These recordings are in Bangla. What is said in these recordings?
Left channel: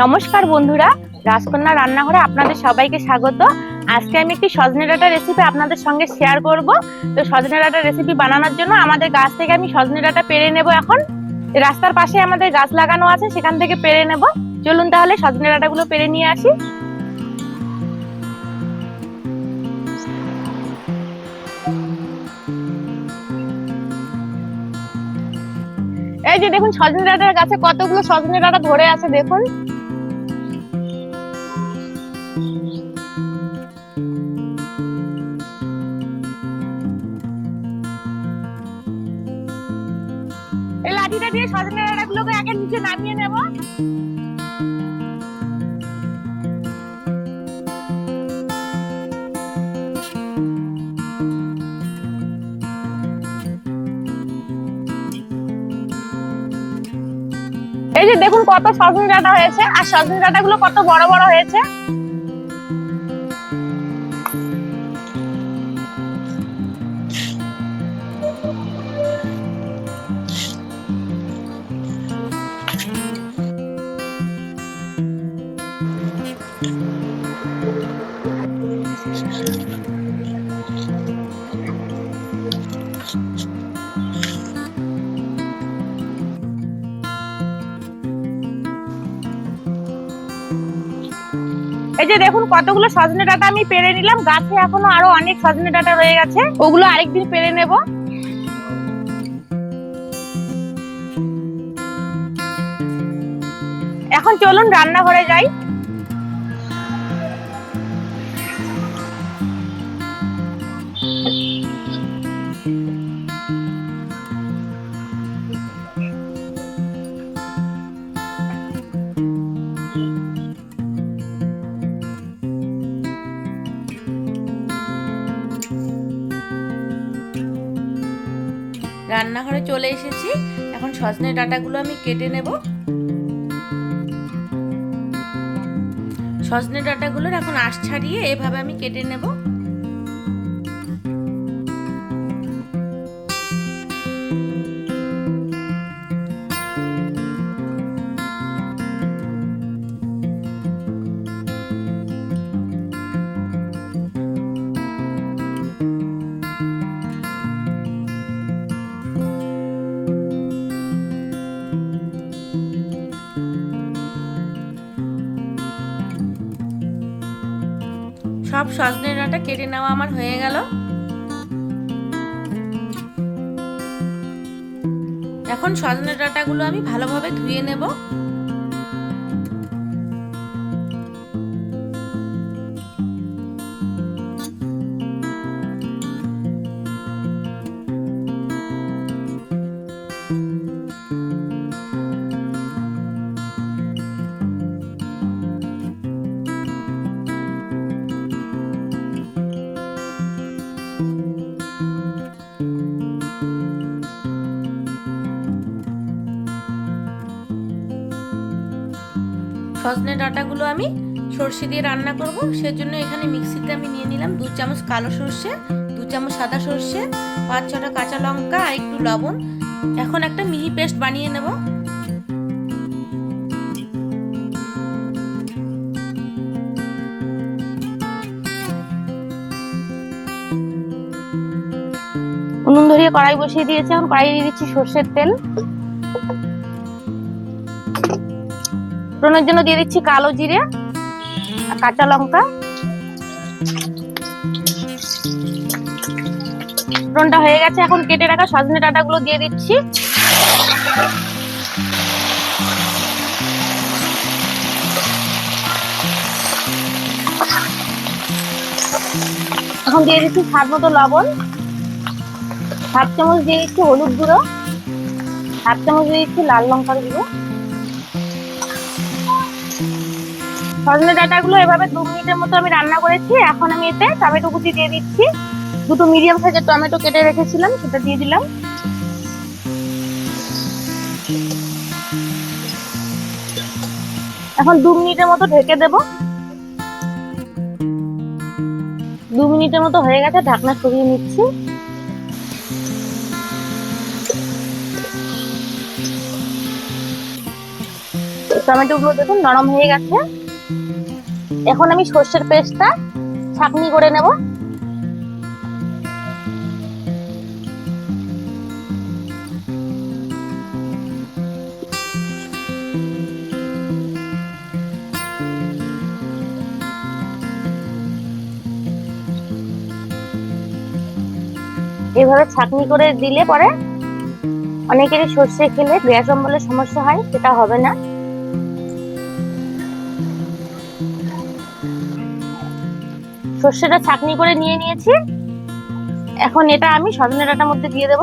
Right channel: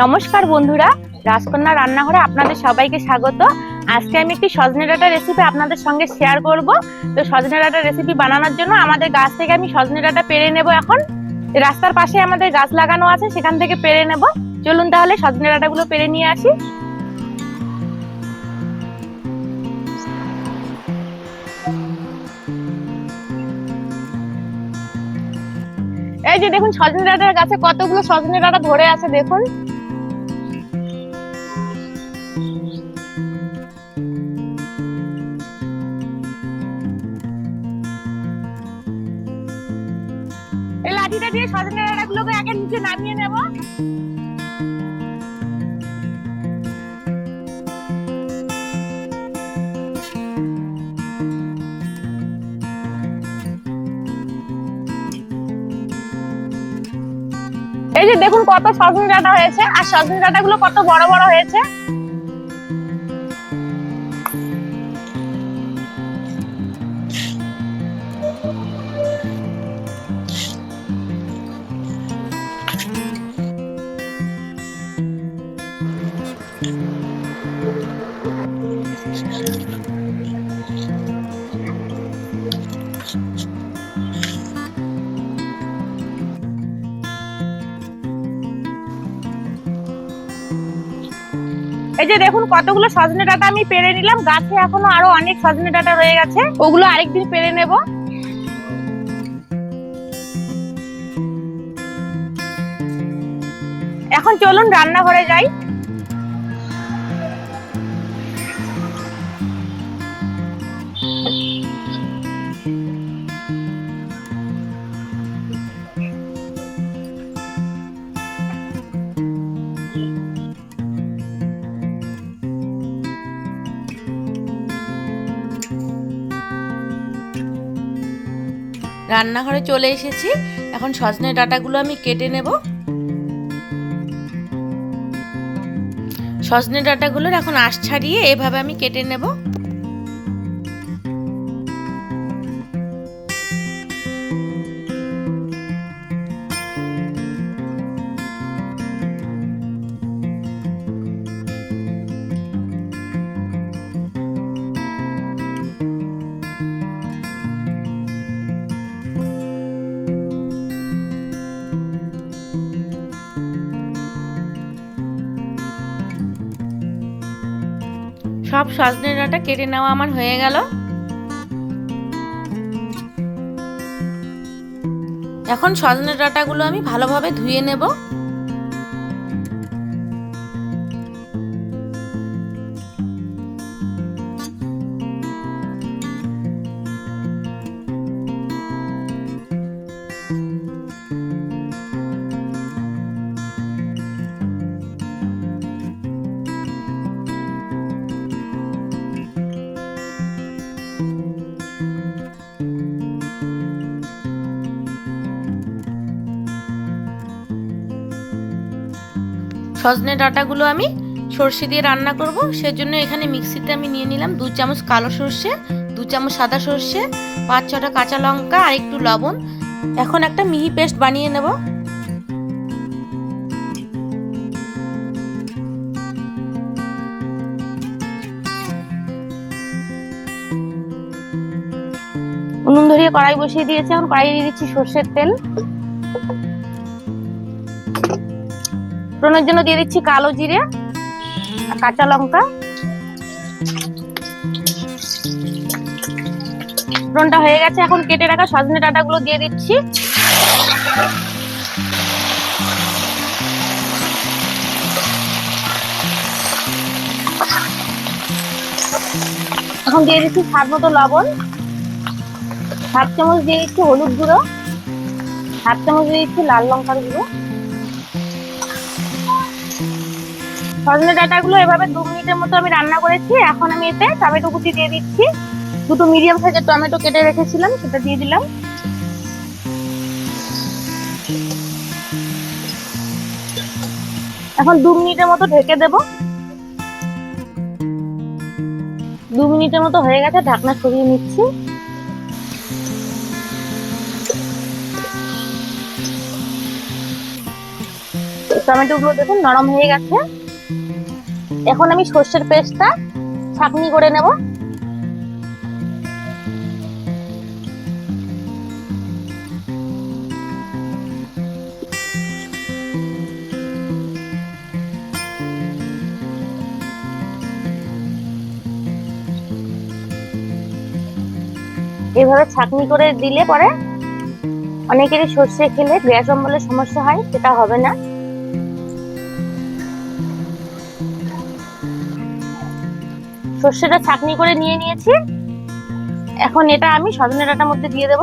নমস্কার বন্ধুরা, রাজকন্যা রান্নাঘরে আপনাদের সবাইকে স্বাগত। আজকে আমি একটি সজনে ডাটা রেসিপি আপনাদের সঙ্গে শেয়ার করব। তো সজনে ডাটা রেসিপি বানানোর জন্য আমাদের গাছ থেকে আমি সজনে ডাটা পেরে নেব এখন। রাস্তার পাশে আমাদের গাছ লাগানো আছে, সেখান থেকে পেরে নেব। চলুন তাহলে সজনে ডাঁটাগুলো পেরে নিয়ে আসি। এই যে দেখুন, সজনে ডাঁটার গাছে কতগুলো সজনে ডাটা ধরে আছে, দেখুন। লাঠিটা দিয়ে সজনে আগে নিচে নামিয়ে নেব। এই যে দেখুন কত সজনে ডাঁটা হয়েছে, আর সজনে ডাঁটাগুলো কত বড় বড় হয়েছে। এই যে দেখুন কতগুলো সজনে ডাটা আমি পেরে নিলাম। গাছে এখনও আরও অনেক সজনে ডাটা রয়ে গেছে। ওগুলো আরেকদিন পেরে নেব। এখন চলুন রান্নাঘরে যাই। রান্নাঘরে চলে এসেছি। এখন সজনে ডাটাগুলো আমি কেটে নেব। সজনে ডাটাগুলোর এখন আশ ছাড়িয়ে এভাবে আমি কেটে নেব। সব সজনে ডাঁটা কেটে নেওয়া আমার হয়ে গেল। এখন সজনে ডাঁটাগুলো আমি ভালোভাবে ধুয়ে নেব। সজনে ডাঁটাগুলো আমি সর্ষে দিয়ে রান্না করব। সেজন্য এখানে মিক্সিতে আমি নিয়ে নিলাম দু চামচ কালো সর্ষে, দু চামচ সাদা সর্ষে, পাঁচ ছটা কাঁচা লঙ্কা আর একটু লবণ। এখন একটা মিহি পেস্ট বানিয়ে নেব। উনুন ধরিয়ে কড়াই বসিয়ে দিয়েছি। এখন কড়াই দিয়ে দিচ্ছি সর্ষের তেল। ফোড়নের জন্য দিয়ে দিচ্ছি কালো জিরে কাঁচা লঙ্কা। ফোড়নটা হয়ে গেছে, এখন কেটে রাখা সজনে ডাঁটাগুলো দিয়ে দিচ্ছি। এখন দিয়ে দিচ্ছি স্বাদ মতো লবণ। হাফ চামচ দিয়ে দিচ্ছি হলুদ গুঁড়ো। হাফ চামচ দিয়ে দিচ্ছি লাল লঙ্কার গুঁড়ো। সজনে ডাঁটাগুলো এভাবে দু মিনিটের মতো আমি রান্না করেছি। এখন আমি এতে টমেটো কুচি দিয়ে দিচ্ছি। দুটো মিডিয়াম সাইজের টমেটো কেটে রেখেছিলাম, সেটা দিয়ে দিলাম। এখন দু মিনিটের মতো ঢেকে দেব। দু মিনিটের মতো হয়ে গেছে, ঢাকনা সরিয়ে নিচ্ছি। টমেটোগুলো দেখুন নরম হয়ে গেছে। এখন আমি সর্ষের পেস্টটা ছাঁকনি করে নেব। এভাবে ছাঁকনি করে দিলে পরে অনেকেরই সর্ষে খেলে গ্যাস অম্বলের সমস্যা হয়, সেটা হবে না। সর্ষেটা ছাঁকনি করে নিয়ে নিয়েছি। এখন এটা আমি সজনে ডাটার মধ্যে দিয়ে দেব।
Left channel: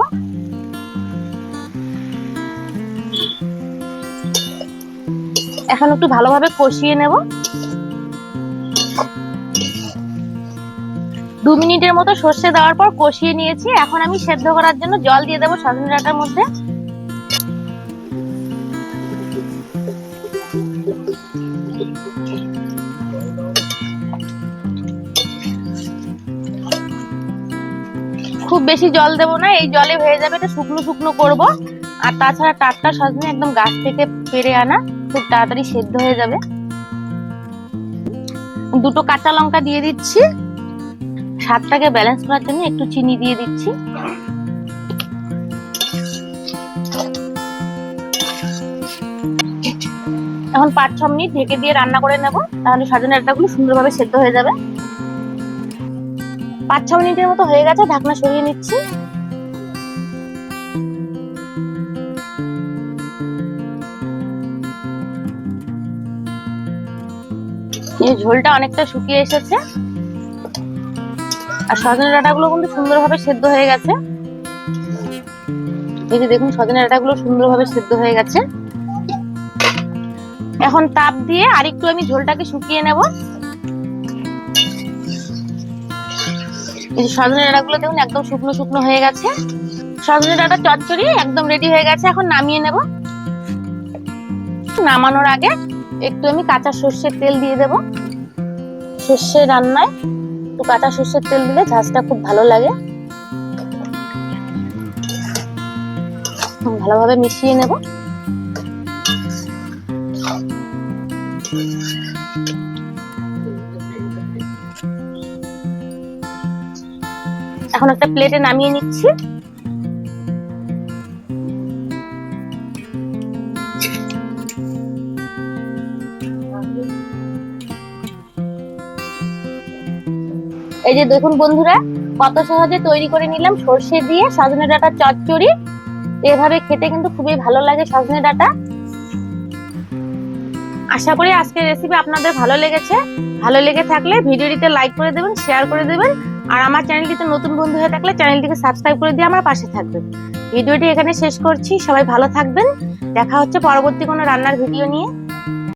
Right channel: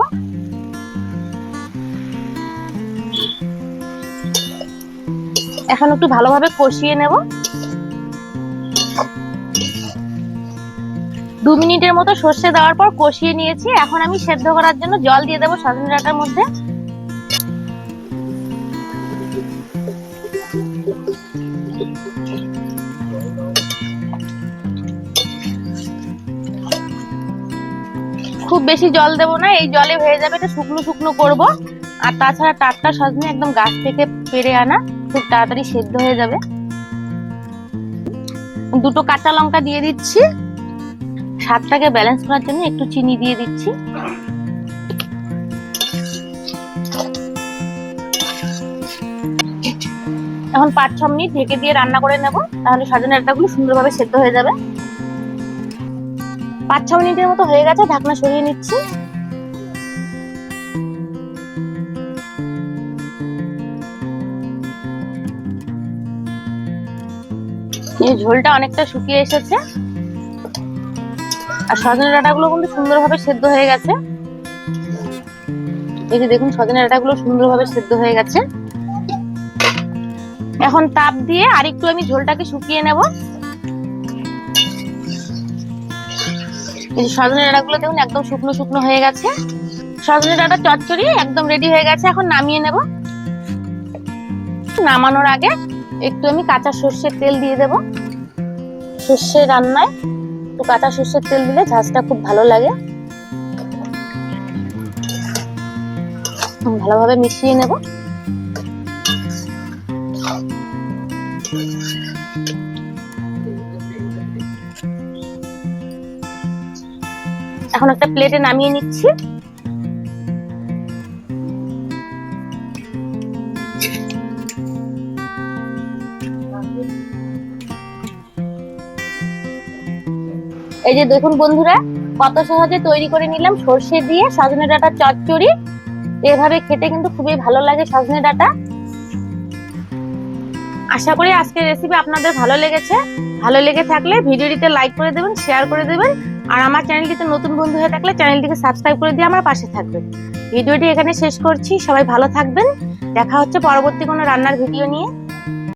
এখন একটু ভালোভাবে কষিয়ে নেব। দু মিনিটের মতো সর্ষে দেওয়ার পর কষিয়ে নিয়েছি। এখন আমি সেদ্ধ করার জন্য জল দিয়ে দেবো সজনে ডাটার মধ্যে। খুব বেশি জল দেবো না, এই জলে হয়ে যাবে এটা শুকনো শুকনো করব। আর তাছাড়া টাটকা সজনে একদম গাছ থেকে পেরে আনা, খুব তাড়াতাড়ি সেদ্ধ হয়ে যাবে। দুটো কাঁচা লঙ্কা দিয়ে দিচ্ছি। স্বাদটাকে ব্যালেন্স করার জন্য একটু চিনি দিয়ে দিচ্ছি। এখন পাঁচ ছ মিনিট ঢেকে দিয়ে রান্না করে নেব, তাহলে সজনে ডাঁটাগুলো সুন্দরভাবে সেদ্ধ হয়ে যাবে। পাঁচ ছ মিনিটের মতো হয়ে গেছে, ঢাকনা সরিয়ে নিচ্ছি। ঝোলটা অনেকটা শুকিয়ে এসেছে। আর সজনে ডাঁটাগুলো কিন্তু সুন্দরভাবে সেদ্ধ হয়ে গেছে। এই যে দেখুন সজনে ডাঁটাগুলো সুন্দরভাবে সেদ্ধ হয়ে গেছে। এখন তাপ দিয়ে আরেকটু আমি ঝোলটাকে শুকিয়ে নেব। এই যে সজনে ডাঁটাগুলো দেখুন, একদম শুকনো শুকনো হয়ে গেছে। সজনে ডাঁটা চচ্চড়ি একদম রেডি হয়ে গেছে। এখন নামিয়ে নেব। নামানোর আগে একটু আমি কাঁচা সর্ষের তেল দিয়ে দেব। সর্ষে রান্নায় একটু কাঁচা সর্ষের তেল দিলে ঝাঁজটা খুব ভালো লাগে। ভালোভাবে মিশিয়ে নেব। এখন একটা প্লেটে নামিয়ে নিচ্ছি। এই যে দেখুন বন্ধুরা, কত সহজে তৈরি করে নিলাম সর্ষে দিয়ে সজনে ডাটা চচ্চড়ি। এভাবে খেতে কিন্তু খুবই ভালো লাগে সজনে ডাটা। আশা করি আজকের রেসিপি আপনাদের ভালো লেগেছে। ভালো লেগে থাকলে ভিডিওটিতে লাইক করে দেবেন শেয়ার করে দেবেন। আর আমার চ্যানেলটিতে নতুন বন্ধু হয়ে থাকলে চ্যানেলটিকে সাবস্ক্রাইব করে দিয়ে আমার পাশে থাকবেন। ভিডিওটি এখানে শেষ করছি, সবাই ভালো থাকবেন। দেখা হচ্ছে পরবর্তী কোনো রান্নার ভিডিও নিয়ে।